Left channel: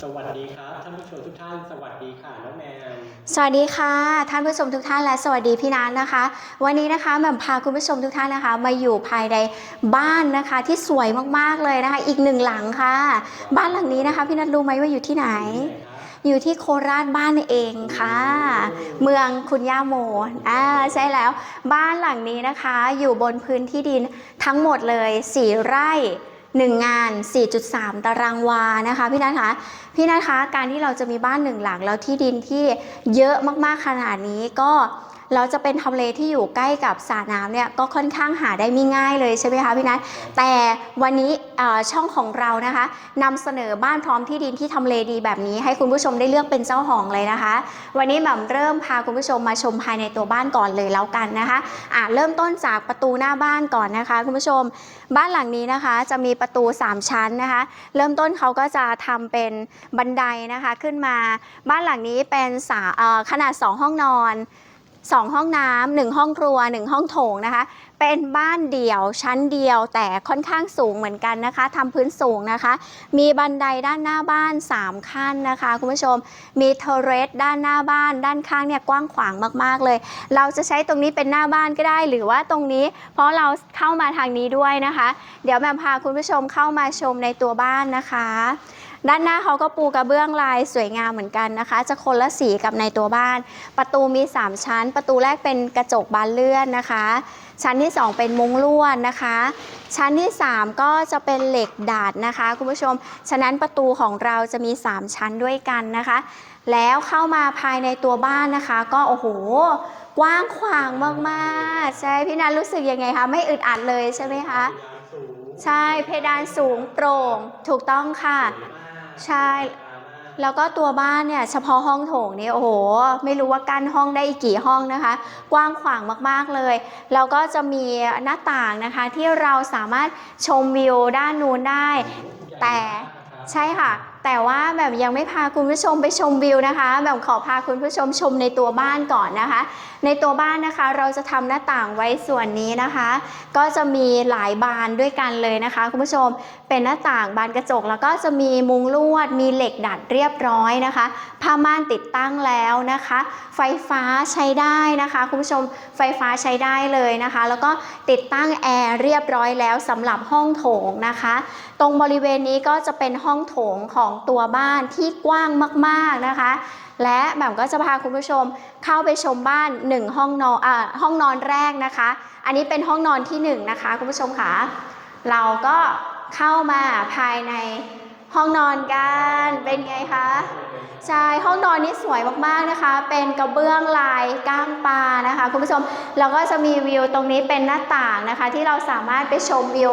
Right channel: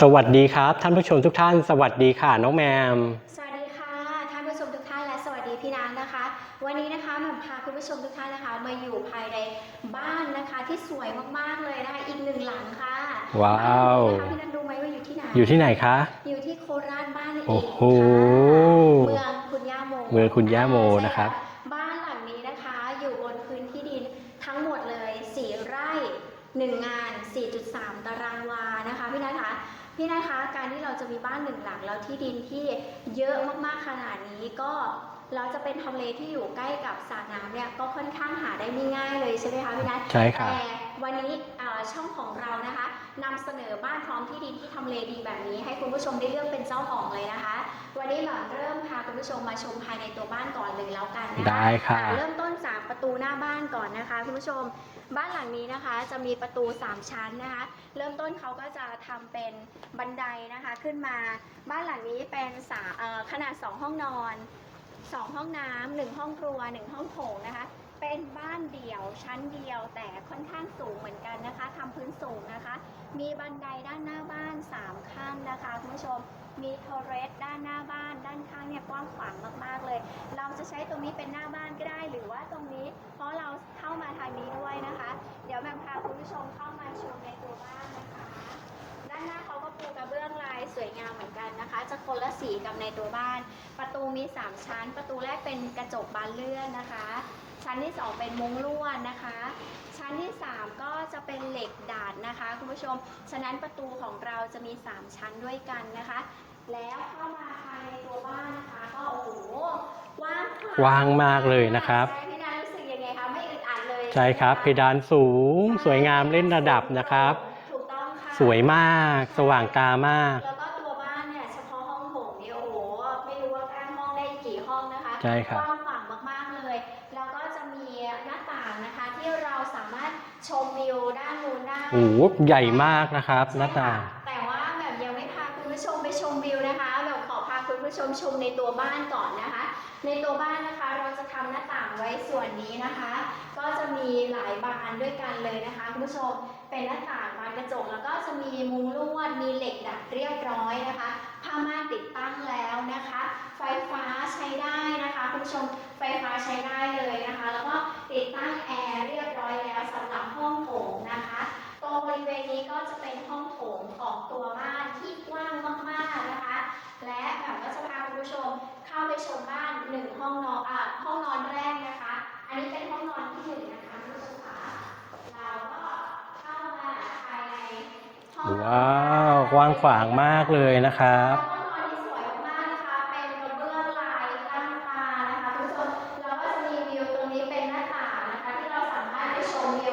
สวัสดีครับ ท่านผู้ชมทุกท่าน สวัสดีค่ะ น้องแมม สวัสดีค่ะ ท่านผู้ชมทุกท่านและสวัสดีพี่นันนะคะ วันนี้นะคะแหม่มพาคุณผู้ชมทุกท่านนะคะ มาอยู่ภายในบ้านนะคะที่สวยมากๆเลยนะคะ อีกหนึ่งหลังค่ะ ว้าว บ้านหลังนี้นะคะพี่นัทรู้ไหมว่าอยู่ที่ไหนอยู่ที่ไหนคะ อยู่ที่โคราชบ้านเองค่ะ โอ้โหเมืองคุณย่าโมเมืองคุณย่าโมอ่ใช่นะครับ แล้ว บ้านหลังนี้นะคะ อยู่บนพื้นที่ดินทั้งหมดเลย 4 ไร่ 1 งาน 4.3 ตารางวานะคะพี่นัทคะพี่นัทคะการที่เราจะมีบ้านหนึ่งหลังแล้วที่ดินที่เยอะมากๆขนาดนี้ก็ เราจะเป็นทำเลที่อยู่ใกล้กับสระน้ำเนี่ยก็ค่อนข้างหาได้ไม่ง่ายเลยใช่ไหมคะพี่นัทใช่ครับ แต่วันนี้เอ่อช่องของเรานะคะนำเสนอบ้านพร้อมที่ดินที่ทำเลดีแบบนี้ ให้คุณผู้ชมได้เลือกเป็นเจ้าของเลยนะคะ วันนี้แบบเริ่มพาคุณผู้ชมมาชมภายในตัวบ้านก่อนเลยแล้วกันนะคะได้ครับ อะเริ่มต้นจากประตูหน้าบ้านก่อนนะคะ คุณผู้ชมบ้านหลังนี้นะคะ จะมีประตู 3 ชั้นนะคะ เริ่มต้นเขาก็จะทำเป็นบันไดนะคะขึ้นมา บ้านหลังนี้เป็นสาเอ่อขนาด 2 ห้องนอน 2 ห้องน้ำหนึ่งห้องครัว 1 ห้องโถงนะคะ เป็นบ้านเดี่ยวชั้นเดียวแต่ค่อนข้างสูงเหมือนกันนะคะทำพื้นสูงนะคะ มีบันไดด้านหน้าบ้าน 3 ขั้นนะคะ คุณผู้ชมมีเทเรสด้านหน้าบ้าน ด้านข้างเนี่ยกว้างขวางมากๆเลย เราจะใช้ตรงนี้เป็นหน้าบ้านก็ได้ หรือว่าตรงนี้ เพราะเราเข้ามาทางนี้ด้วยนะคะ เดี๋ยวแมมพาคุณผู้ชมเข้ามาชมในตัวบ้านนะคะ ด้านหน้าเขาก็ปูกระเบื้องลายสวยงามเหมือนกันนะคะ จะคนละสีกับในตัวบ้าน ประตูมี 3 ชั้น ประตูแรกเป็นกระจกบานเลื่อนนะคะ ชั้นที่ 2 เป็นมุ้งลวดนะคะ ชั้นที่ 3 ก็จะเป็นเหล็กดาดนะคะคุณผู้ชม ฉะนั้นประตูของเราจะมี 3 ชั้นด้วยกันนะคะ แล้วเข้ามาภายในตัวบ้านนะคะ ก็โอ้โหกว้างขวางกว้างมามากกเลยนะครับๆใช่พี่นันรู้สึกยังไงคะไม่อึดอัดเลยใช่ใช่ไหมครับคะเพดานสูงใช่สวยงามเพดาเล่นระดับสูงนะโปร่ครับง ถูกต้องค่ะ สวยมาก ใช่ สว่างตามาก แล้วก็ตัวบ้านเนี่ยเฉพาะห้องโถงเนี่ยโอ้โห ไม่รู้ว่ากั้นห้องได้อีกกี่ห้องนะคะ ใช่ครับ กว้างขวางมากๆเลย แล้วก็จะมีหน้าต่างนะคะ ที่เราสามารถชมวิวด้านนู้นได้ โอ้โหใหญ่แต่มากนะครับใช่ค่ะ หน้าต่าง แต่ว่าแบบยังไม่พาคุณผู้ชมไปชมวิวนะคะ แบบขอพาคุณผู้ชมชมในตัวบ้านก่อนนะคะ ในตัวบ้านนะคะเราจะทำหน้าต่างไว้ส่วนนี้นะคะ ก็จะมีหลายบานด้วยกันเลยนะคะ คุณผู้ชมเป็นหน้าต่างบานกระจกแล้วก็จะมีมุงลวด มีเหล็กดัดเรียบร้อยนะคะผ้าม่านติดตั้งแล้วนะคะ ไฟฟ้าใช้ได้นะคะ คุณผู้ชมไฟฟ้าใช้ได้เลยนะคะ แล้วก็ติดตั้งแอร์เรียบร้อยแล้วสำหรับห้องโถงนะคะ ตรงบริเวณนี้ก็จะเป็นห้องโถงของตัวบ้านที่กว้างมากๆนะคะและแบบก็จะพาคุณผู้ชมเข้าไปชมบ้าน 1 ห้องนอนอ่าห้องนอนแรกนะคะ อันนี้เป็นห้องนอนที่ 1 นะคะ คุณผู้ชมคะเราก็ เข้ามาภายใน ห้องนอนกัว้าวนกว้างเป็นขไงวางคะมากเลยนะครับใช่ห้องนอนนี่สวยมากๆนะคะ เป็นกระเบื้องลายก้างปลานะคะคุณผู้ชมแล้วก็จะมีวิวตรงนี้เป็นหน้าต่างนะคะ ที่เราสามารถไปชมวิว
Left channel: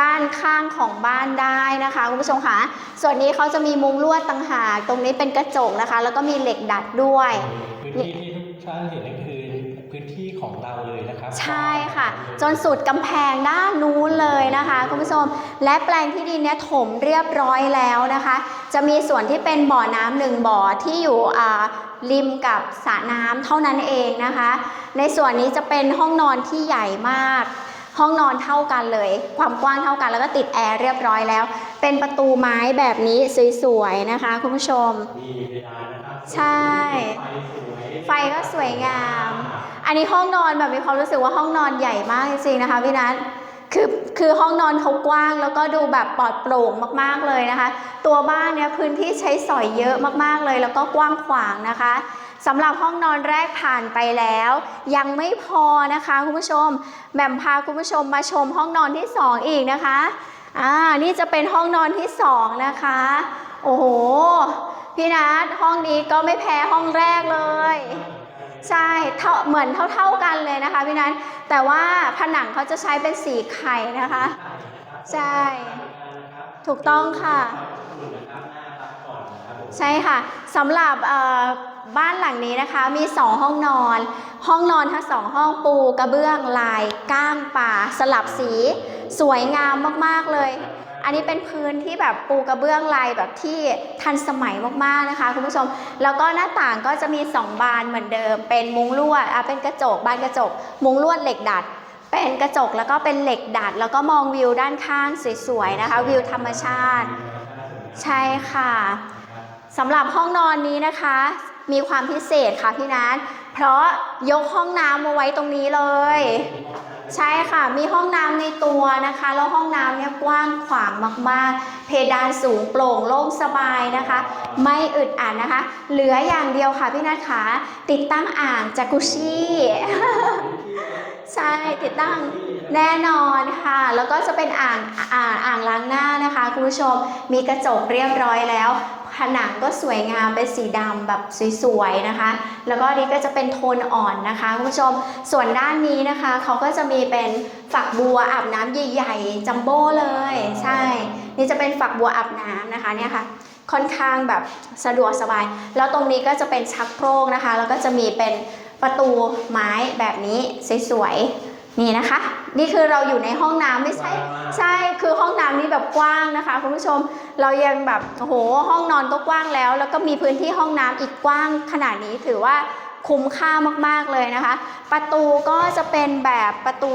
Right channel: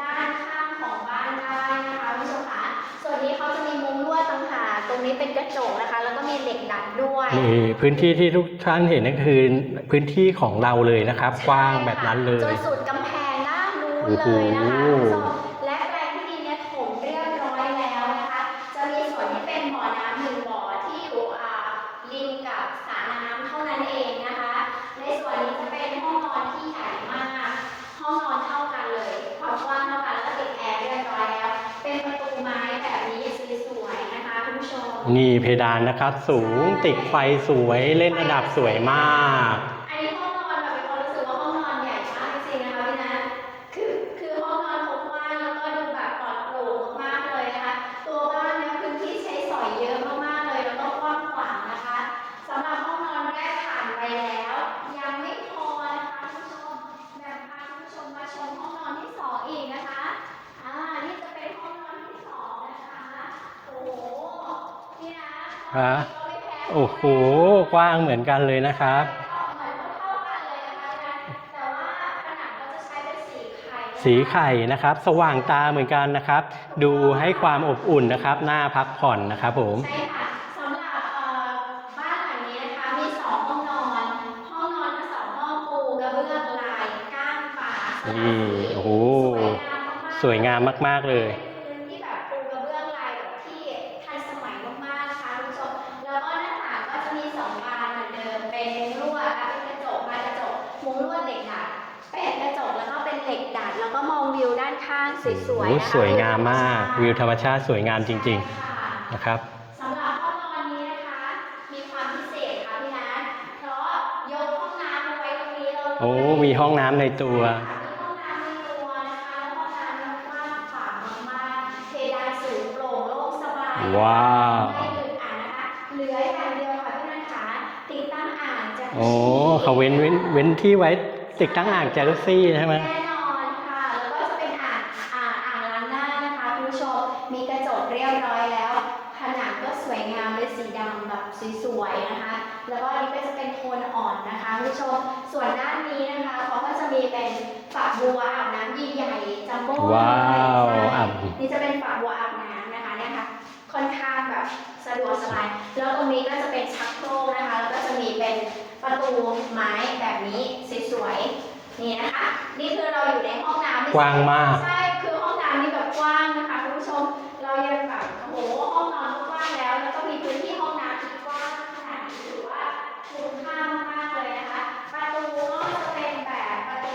ด้านข้างของบ้านได้นะคะคุณผู้ชมค่ะส่วนนี้เขาจะมีมุงลวดต่างหากตรงนี้เป็นกระจกนะคะ แล้วก็มีเหล็กดัดด้วย นี่พื้นที่ที่ทุกท่านเห็นนั่นคือพื้นที่ของเราเลยนะครับกว้างแบบนั้นเลยจนสุดกำแพงด้านนู้นเลยนะคะโอ้โห คุณผู้ชมและแปลงที่ดินเนี่ยถมเรียบร้อยแล้วนะคะ จะมีส่วนที่เป็นบ่อน้ำหนึ่งบ่อที่อยู่อ่าริมกับสระน้ำเท่านั้นเองนะคะ ในส่วนนี้จะเป็นห้องนอนที่ใหญ่มาก ห้องนอนเท่ากันเลย ความกว้างเท่ากันแล้วก็ติดแอร์เรียบร้อยแล้ว เป็นประตูไม้แบบนี้สวยๆนะคะคุณผู้ชม นี่เพดานนะครับสูใช่ งติดไฟสวยเล่นระดับสวยมาก อันนี้ห้องนอนแบบมีความรู้สึกว่าห้องนอนใหญ่มากจริงๆนะคะพี่นัท คือคือห้องนอนเขากว้างแล้วก็ดูแบบปลอดโปร่งมากๆเลยนะคะ ตัวบ้านเนี่ยพื้นที่ใช้สอยเยอะมากๆเลย แล้วก็กว้างขวางนะคะสำหรับห้องนอนแรกผ่านไปแล้ว ยังไม่พอนะคะคุณผู้ชมแหม่มพาคุณผู้ชมมาชมห้องนอนที่สองอีกนะคะอ่านี่จะเป็นห้องนอนที่สองนะคะ โอ้โห พี่นัทห้องนี้ก็ไม่แพ้ห้องแรกเลโอ้โหยกว้างเหมือนกันเลยนะคใช่รับเท่าเหมือนเท่าๆกันเลยนะคะพี่นัทแต่ว่าผนังเขาจะใช้เป็นสีไข่นะคะสีไข่นะครับ สว่างตาเหมือนกันนะครับถูกดูต้องค่ะให้ความอบอุ่นนะครับหน้าพักผ่อนนะครับผมใช่ค่ะสำหรับเอ่อ บ้านหลังนี้นะคะมี 2 ห้องนอน ห้องนอนทั้งสองห้องปูกระเบื้องลายก้างป่าสลับสี โอ้โหสวยงามมากๆสวยเลยงามมากๆเลยอันนี้เป็นพื้นที่แบบปูกระเบื้องลายแบบที่ทันสมัยมากๆนะคะคุณผู้ชม แล้วก็หน้าต่างก็จะมี 2 บานเหมือนเดิม เป็นมุ้งลวดอะเป็นกระจกบานกระจก มุ้งลวดเหล็กดัด เป็นกระจกแล้วก็เป็นเหล็กดัด แล้วก็มองวิวด้านข้างสวยๆนะคะสวยวิวงาธมรรมมากชาติ วิวธรรมชาติสวยงามจใช่ริงค่ะ ๆนะครับ สำหรับห้องนอนนี้นะคะ มีความพิเศษค่ะพี่นัทเพราะยกห้องน้ำมาไว้ตรงนี้เลโอ้ย มีห้องน้ำในตัใช่วค่ะ มีห้องน้ำในตัวนะคะ แล้วห้องน้ำเนี่ยกว้างขวางมากๆ เพดานสูงโปร่งโล่งสบายนะคะ ว้าวไม่อึดอัดนะคะ เหลืออย่างเดียวค่ะพี่นัทขาติดตั้งอ่างจากุโอ้ชิเขาเว้นเว้นเว้นที่ไว้ใช่ติดตั้งอ่างติดจาตั้งรุซี่ใช่ไหม แน่นอนค่ะ แล้วก็จะเป็นอ่างอ่างอ่างล้างหน้านะคะคุณผู้ชม มีกระจกเรียบร้อยแล้ว ผนังก็สวยงามเป็นสีดำแบบสวยๆนะคะ แล้วก็อันนี้ก็จะเป็นโทนอ่อนนะคะคุณผู้ชมส่วนด้านนี้นะคะเขาก็จะมีเป็นฝักบัวอาบน้ำใหญ่ๆจัมโบ้เลยว้าวใช่อ่านี่จะเป็นฝักบัวอาบน้ำนะคะเนี่ยค่ะ ค่อนข้างแบบสะดวกสบาย แล้วตรงนี้ก็จะเป็นชักโครกนะคะ แล้วก็จะมีเป็นประตูไม้แบบนี้สวยๆ นี่นะคะ นี่คือเราอยู่ในห้องน้ำไม่กใช่ว้างมาก ใช่คือห้องน้ำนี่แบบกว้างนะคะคุณผู้ชมเรายังแบบโอ้โหห้องนอนก็กว้างแล้ว แล้วก็มีพื้นที่ห้องน้ำอีกกว้างขนาดนี้ถือว่าคุ้มค่ามากๆเลยนะคะ ประตูก็จะเป็นแบบประตู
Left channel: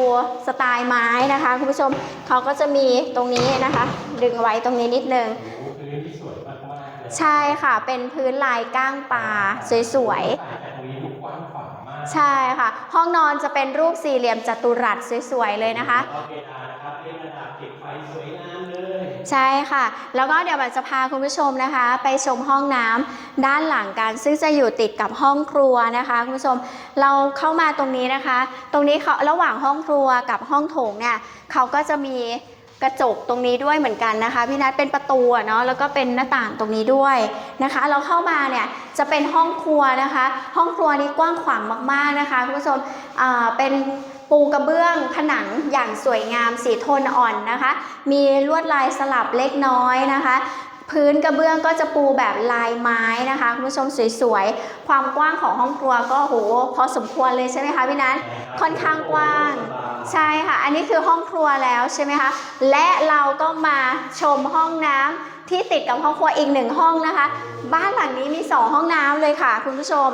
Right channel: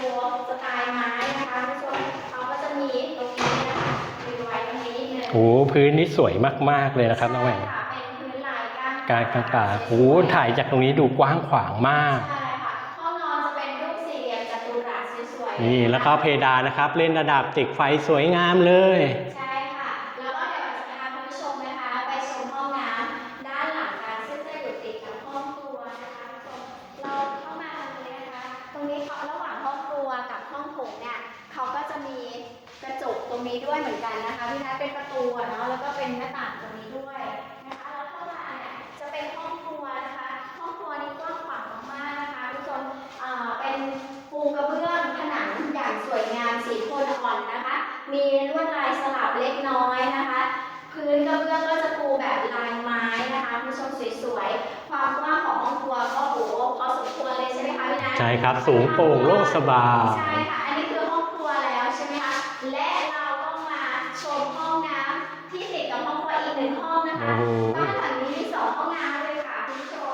สไตล์ไม้นะคะคุณผู้ชมเขาก็จะมีตรงนี้นะคะ ดึงไว้ตรงนี้นิดนึงโอ้พื้นนี่สวยมากๆเลยนะครัใช่น้องแม่ค่ะเป็นพื้นลายก้างปการลาข้างป่าสโอ้วยถ่ายจากตรงนี้ดูกว้างขวางมากๆใช่ค่ะ ห้องนอนจะเป็นรูปสี่เหลี่ยมจัตุรัสสวยๆเลยนี่นะแล้คะวก็เพดานนะครับเล่นระดับติดไฟสวยงามเลย ใช่ค่ะ แล้วก็เดี๋ยวบันจะพาคุณผู้ชมนะคะ ไปชมห้องน้ำด้านหลังกันซึ่งจะอยู่ติดกับห้องครัวนะคะคุณผู้ชมเราเข้ามาตรงนี้นะคะ ตรงนี้เขาระหว่างห้องครัวกับห้องโถงเนี่ยเขาก็จะมีกระจกตรงนี้ด้วยเหมือนกันนะคะพี่นัทเป็นประตูเนาะแล้วก็เป็นหน้าต่างตรงนี้ด้วยนะคะ เราเข้ามาเนี่ยจะเป็นห้องครัวนะคะ ห้องครัวนี้กว้างขวางมากๆนะคะคุณผู้ชมเป็นปูกระเบื้องผนังอย่างสวยงามสีโทนอ่อนนะคะ มีลวดลายสลับเล็กน้อยนะคะ พื้นกระเบื้องก็จะปูแบบลายไม้นะคะคุณผู้ชมสวยๆ ความกว้างของห้องครัวก็โหพอสมควรเลยใช่ไหมคะพี่นัทใช่ครับค่อนสูงข้างโปร่งกว้างโล่งสบายใช่ค่ะ อันนี้คือห้องครัวแล้วใช่ไหมคะ และเราก็มาชมห้องน้ำที่ติดกับห้องครัวอีกหนึ่งห้องนะคะโอ้บ้านหลังนี้มี 2 ห้องน้ำเลยค่ะ คุณผู้ชม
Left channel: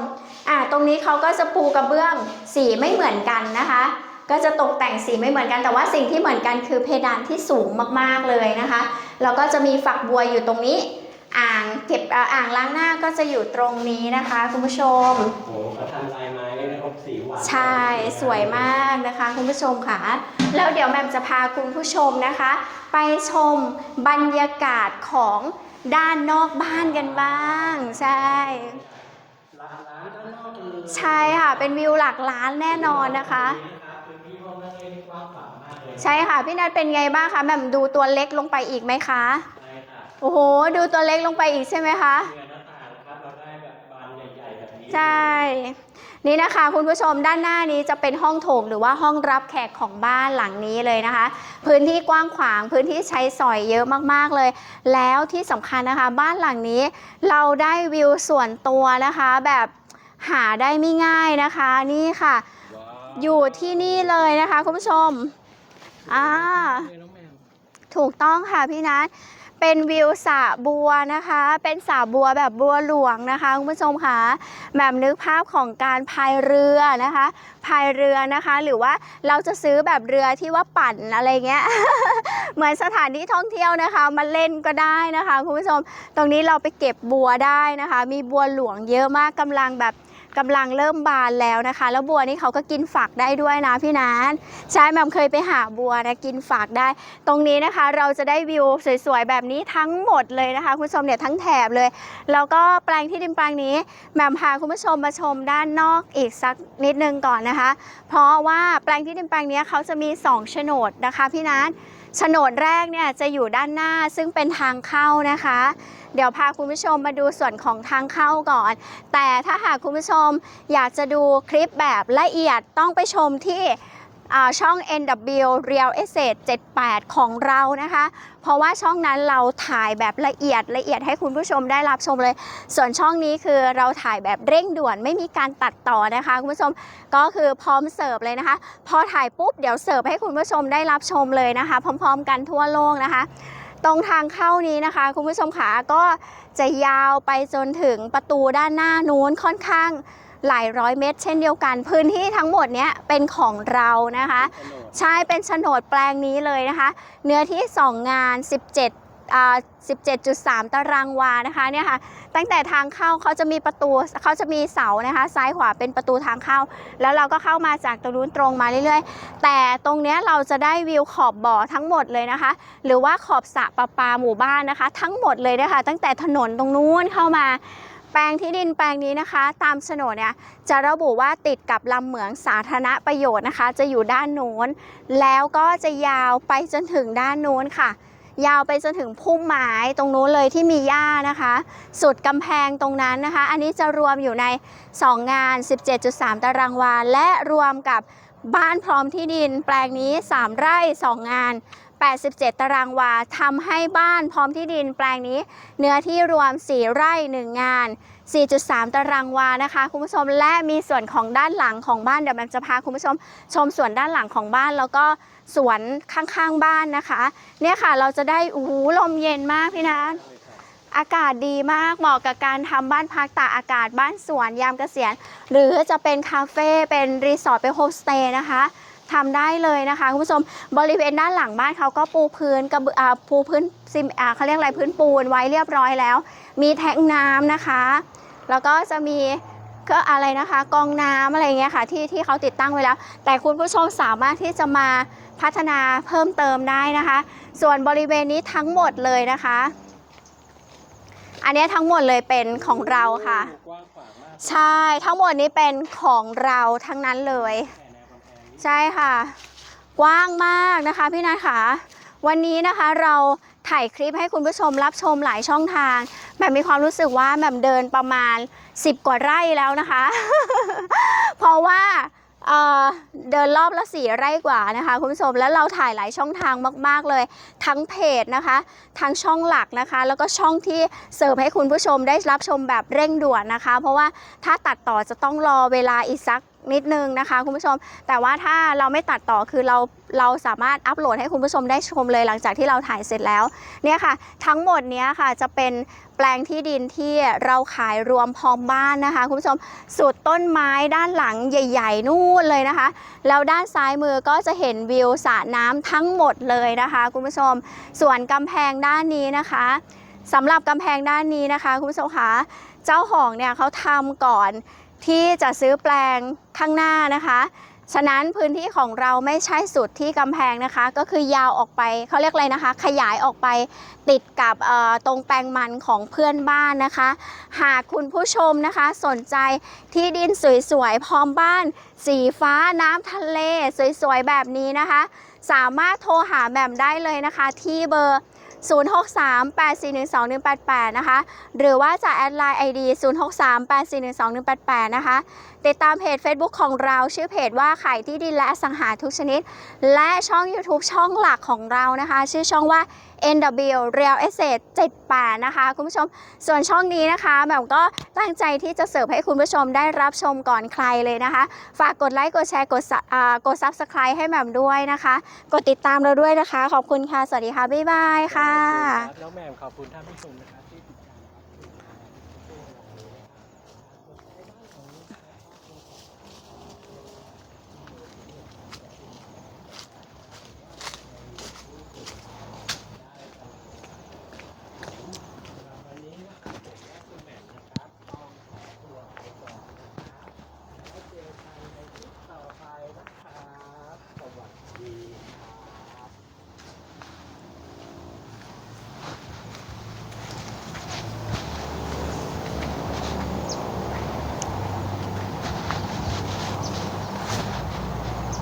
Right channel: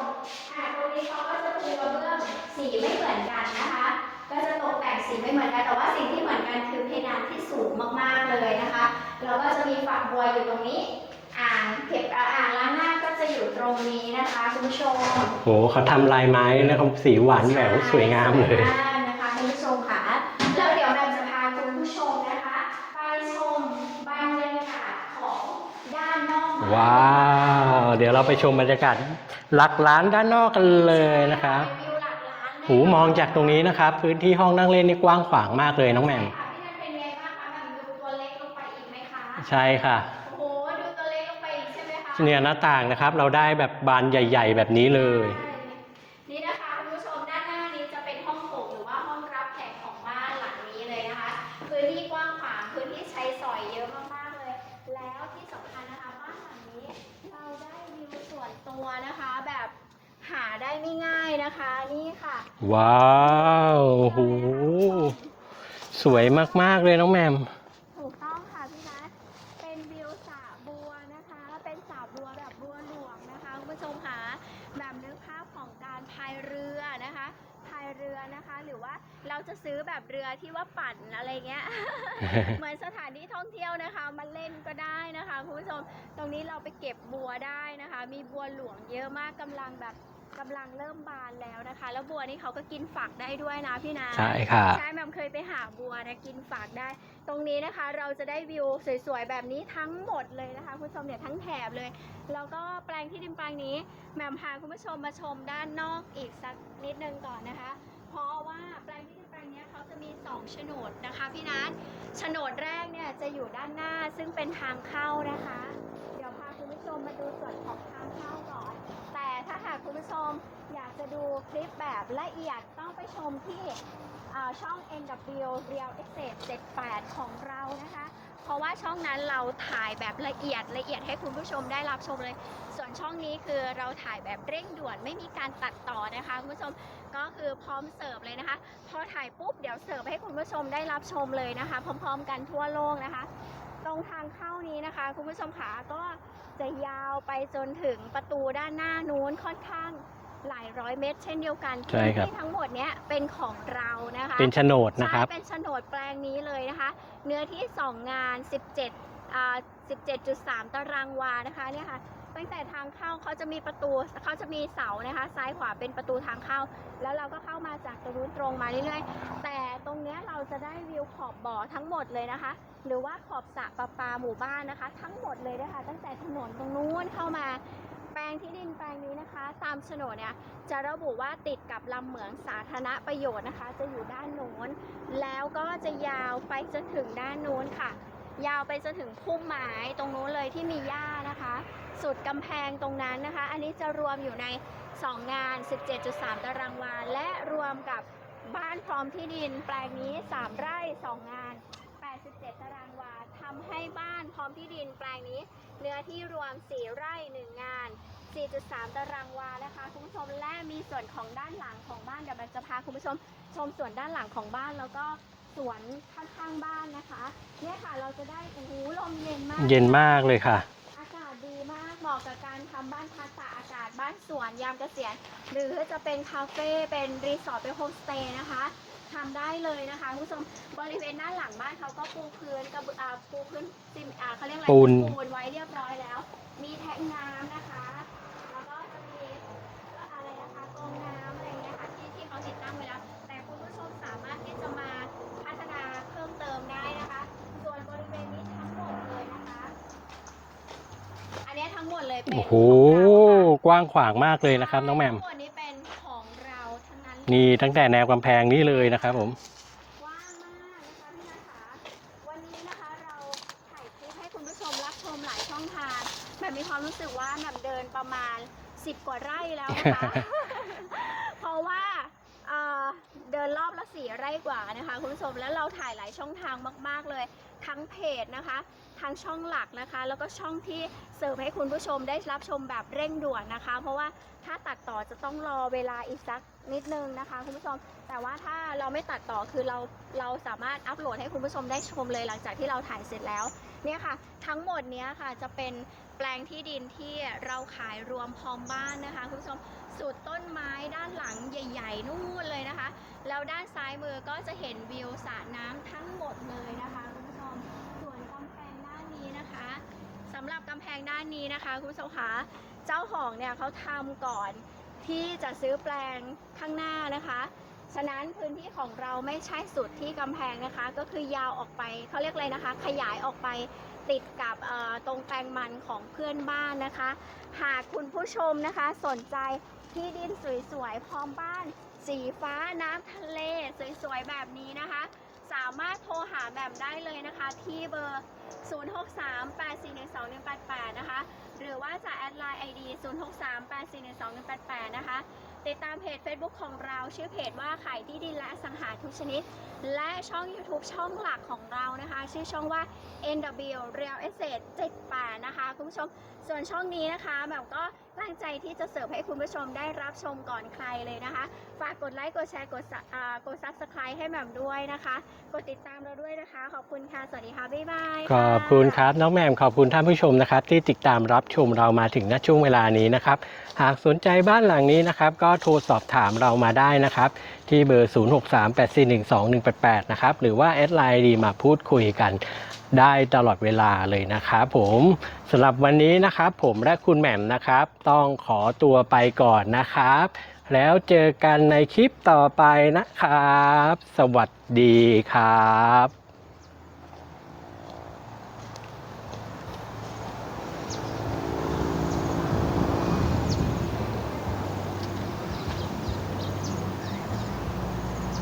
อ่าตรงนี้เขาก็จะปูกระเบื้องสีไม่เหมือนกันนะคะ ก็จะตกแต่งสีไม่เหมือนกันแต่ว่าสิ่งที่เหมือนกันคือเพดานที่สูงมากๆเลยนะคะแล้วก็จะมีฝักบัวอยู่ตรงนี้ อ่างเก็บอ่าอ่างล้างหน้าก็จะอยู่ตรงนี้นะคะคุณผู้ชมโหเขาทำลายไม้แล้วก็สีหวานใช่แบบสวยงามสวยเลยมากนะคะคุณผู้ชมค่ะ แล้วเดี๋ยวแหม่มจะพาคุณผู้ชมนะคะ ไปชมบรรยากาศของ ด้านนอกบ้านกันบ้างว้าวเดี๋ยวเราไปชมบรรใยากาศหลักล้านด้านนอกกันเลยใช่นะคค่ะรับเป็นวิวหลักล้านแน่หูนอมอนงนะคะจากตรงนี้นะครับพื้นที่ห้องนั่งเล่นนี่กว้างขวางมากเลยน้องใช่แหม่มค่ะ พี่นัทเป็นไงบ้างคะแหม่มดูตัวเล็กลงไปอีกไหมคะ ใช่ค่ะ โอ้โห ดูตัวเล็กลงไปอีกใช่ไหมคะเนี่ยหน้าต่างนะครับ เราได้แบบบานใหญ่ ๆ แบบนี้เลใช่ย นี่นะคะคุณผู้ชมด้านหน้านี้จะเป็นห้องโถงหรือว่าห้องรับแขกของบ้านหลังนี้เลยนะคะ พื้นที่กว้างขวางพื้นที่ใช้สอยเยอะมากๆเลย แล้วที่สำคัญนะคะ บ้านหลังนี้เราได้วิวส่วนตัวนะคะ แบบหาได้ไม่ง่ายนะคะนี่ค่ะ ว้าวอยู่ที่นี่เลยนะคะ คุณผู้ชม สวยอ่ามมากๆเลยน้องแหมมถูกต้องค่ะพี่นัท เป็นวิวสระบัวนะคะ เป็นสระบัวแบบบัวหลวงนะคะคุณผู้ชมค่ะแบบนึกภาพของการพายเรือนะคะพายเรือนะคะ หรือว่าเราจะซื้อแบบเรือที่ว่าปั่นอะไรเงี้ย เหมือนสถานที่ท่องเที่ยวนะคะมาเล่นก็ได้นะคะคุณผู้ชม ตรงนี้เราไปเก็บบัวได้นะคะ มีบัวหลวงเยอะมากกำลังแบบ กำลังเริ่มบานแล้วนะคะ แล้วบัวนี่เขาก็กินฝักได้ด้วยนะพี่นัทใช่ค่ะใช่แหม่มเคยไปหาบัวนะกินฝากได้ ตรงนี้นะคะ เราจะได้วิวสวยๆแบบนี้ทั้งหมดเลยนะคะ คุณผู้ชมเนี่ยทั้งแถบเลย แล้วก็แปลงที่ดินแปลงนี้แหม่มพาคุณผู้ชมมาชมด้านนอกอีกสักนิดนึงก่อนนะคะ เพราะว่าแปลงที่ดินแปลงนี้เขาจะมี2โฉนดนะคะพี่นัทโฉนดแรกเนี่ยจะอยู่ด้านหน้าซึ่งเป็นทางเข้านะคะ เดี๋ยวพาคุณผู้ชมมาดูส่วนของทางเข้าก่อน แต่ถ้าหากคุณผู้ชมอยากจะดูคลิปแบบละเอียดต้องไปชมที่ช่อง NW Real Estate 78 ของเรานะคะ เพราะว่าช่องนั้นเราถ่ายแบบละเอียดละเอียดให้คุณผู้ชมได้รับชมเลย ส่วนช่องนี้คือเราถ่ายแบบเร่งด่วนไม่มีการตัดต่อนะคะ คุณผู้ชมก็คือพร้อมเสิร์ฟเลยนะคะ พอถ่ายปุ๊บเดี๋ยวเสิร์ฟให้คุณผู้ชมได้รับชมเลยนะคะ พร้อม ๆ กันทั่วโลกนะคะ ตรงทางเข้านี้นะคะ คุณผู้ชมขาก็จะยาวไปจนถึงประตูด้านหน้านู้นค่อนข้างหลายร้อยเมตร เช่นเดียวกัน พื้นที่ทั้งหมดเนี้ยเป็นของเรานะคะ เป็นโฉนดนะใช่ครับเป็นโฉนดแปลงนี้เลยนะคะ เนื้อที่ 2 งาน 17อ่า 17.3 ตารางวานะคะเนี่ยค่ะตั้งแต่ทางเข้าเขาจะมีประตูเขาจะมีเสานะคะ ซ้ายขวาเป็นประตูทางเข้า แล้วเราก็เข้ามาจากตรงนู้นตรงมาเรื่อยๆ แต่ตรงเนี้ยเราจะได้วิวขอบบ่อทั้งหมดเลยนะคะ หรือว่าขอบสระประปาหมู่บ้านนะคะ ทั้งหมดเลยนะคะตั้งแต่ถนนตรงนู้นเข้ามาแปลงที่ดินแปลงนี้นะคะ ตามโฉนดเนี่ยจะระบุว่าติดกับลำเหมืองสาธารณประโยชน์นะคะ จะอยู่ด้านโน้น แล้วก็จะยาวไปจนถึงด้านโน้นค่ะ ยาวไปจนถึงพุ่มไม้ตรงนู้นเลยที่มีหญ้านะคะ สุดกำแพงตรงนั้นนะคะ อันนี้จะรวมอยู่ใน 2 งาน 17.3 ตารางวา และรวมกับบ้านพร้อมที่ดิน แปลงนี้ 3 ไร่ 2 งาน 87 ตารางวาทำให้บ้านพร้อมที่ดินแปลงนี้ เนื้อที่รวม 4 ไร่ 1 งาน 4.3 ตารางวานะคะ คุณผู้ชมและมีส่วนของด้านหลังของบ้านเดี๋ยวแบมจะพาคุณผู้ชมชมส่วนด้านหลังของบ้านแล้วก็ สวนข้างๆบ้านนะคะ เนี่ยค่ะเราจะได้อู้หูลมเย็นมากเย็นพี่ะมากเลยค่ะ อากาศดีมากเหมาะกับการทำบ้านพักตากอากาศบ้านสวนยามเกษียณ หรือจะเป็นคาเฟ่เป็นรีสอร์ทเป็นโฮมสเตย์นะคะทำได้เลยนะคะคุณผู้ชมบริเวณด้านหลังบ้านเขาก็ปูพื้นกระเบืออ่าปูพื้นซิมอ่าเขาเรียกอะไรปูน พื้นปูนไว้เรียบร้อยแล้ว มีแทงน้ำนะคะ แล้วก็จะมีก็อะไรนะคะกองน้ำอะไรเงี้ยค่ะที่ที่เขาติดตั้งไว้แล้ว แต่คุณผู้ชมสามารถที่จะมา พัฒนาเพิ่มเติมได้นะคะ ส่วนบริเวณนี้ทั้งหมดเลยนะคะ อันนี้ทั้งหมดเลยเป็นของเราค่ะโอ้โหกว้างขวางมากเลยใช่นะครับน้องแหม่ทั้มงหมดนี้เป็นของเราทั้งนั้นเลมียตั้งแต่แนวกำแพงนี่เลยนะครับผมกว้างมากนะคะพี่นัทค่ะวันนี้นะคะเราถ่ายคลิปให้คุณผู้ชมรับชมหลายช่องทางแบบมีความรู้สึกว่าแบบเดินประมาณ 10 กว่าไร่แล้วนะคะ เพราะว่า เดินรอบละสี่ไร่กว่านะคะคุณผู้ชมแล้วเราถ่ายหลายช่องทางมาก ๆ เลย ทั้งเพจนะคะทั้งช่องหลักนะคะ แล้วก็ช่องที่เสิร์ฟให้คุณผู้ชมได้รับชมแบบเร่งด่วนนะคะ เพราะว่าถ้าตัดต่อจะต้องรอเวลาอีกสักนิดนึงนะคะคุณผู้ชม แต่ว่าถ้าเราไม่ตัดต่อคือเราเราสามารถอัปโหลดให้คุณผู้ชมได้ชมเลยหลังจากที่เราถ่ายเสร็จแล้วเนี่ยค่ะ ทั้งหมดเนี้ยค่ะจะเป็นแปลงที่ดินที่เราขายรวมพร้อมบ้านนะคะ คุณผู้ชมสุดต้นไม้ด้านหลังใหญ่ ๆ นู่นเลยนะคะ แล้วด้านซ้ายมือก็จะเห็นวิวสระน้ำทั้งหมดเลยนะคะ คุณผู้ชม ส่วนกำแพงด้านนี้นะคะสำหรับกำแพงด้านนี้นะคะ คุณผู้ชมคะเจ้าของเนี่ยเขาทำก่อน ที่จะซื้อแปลงข้างหน้านะคะ ฉะนั้นพื้นที่ของเราไม่ใช่สุดที่กำแพงนะคะ ก็คือยาวออกไปเขาเรียกอะไรนะคะ ขยายออกไปติดกับตรงแปลงมันของเพื่อนบ้านนะคะ หากคุณผู้ชมนะคะ สนใจที่ดินสวยๆพร้อมบ้าน สีฟ้าน้ำทะเล สวยๆแบบนี้นะคะ สามารถโทรหาแหม่มได้เลยนะคะ ที่เบอร์ 0638412188 นะคะ หรือว่าจะแอดไลน์ ID 0638412188 นะคะ ติดตามเพจ Facebook ของเราชื่อเพจว่าขายที่ดินและสังหาทุกชนิด และช่อง YouTube ช่องหลักของเรานะคะ ชื่อช่องว่า NW Real Estate 78 นะคะ คุณผู้ชมส่วนช่องนี้นะคะแบบก็ตั้งใจที่จะเสิร์ฟให้คุณผู้ชมได้รับชมก่อนใครเลยนะคะ ฝากกดไลค์กดแชร์กดกด Subscribe ให้แหม่มด้วยนะคะ กดติดตามเราด้วยนะคะ ขอบคุณค่ะ สวัสดีค่ะ บ๊ายบายค่ะ ขอบคุณครับ น้องแหม่มขอบคุณท่านผู้ชมนะครับ ที่ติดตามรับชมเรามาถึงณช่วงเวลานี้นะครับ หากสนใจบ้านหลังนี้นะครับ ก็โทรสอบถามเรามาได้นะครับที่เบอร์ 0638412188 นะครับ หรือว่าแอดไลน์ดีมาพูดคุยกัน ได้ตลอดเวลาเลยนะครับผมสำหรับวันนี้นะครับผมและคุณแหม่มนะครับ ต้องขอตัวไปก่อนนะครับ แล้วเจอกันในคลิปต่อไปนะครับ สวัสดีครับ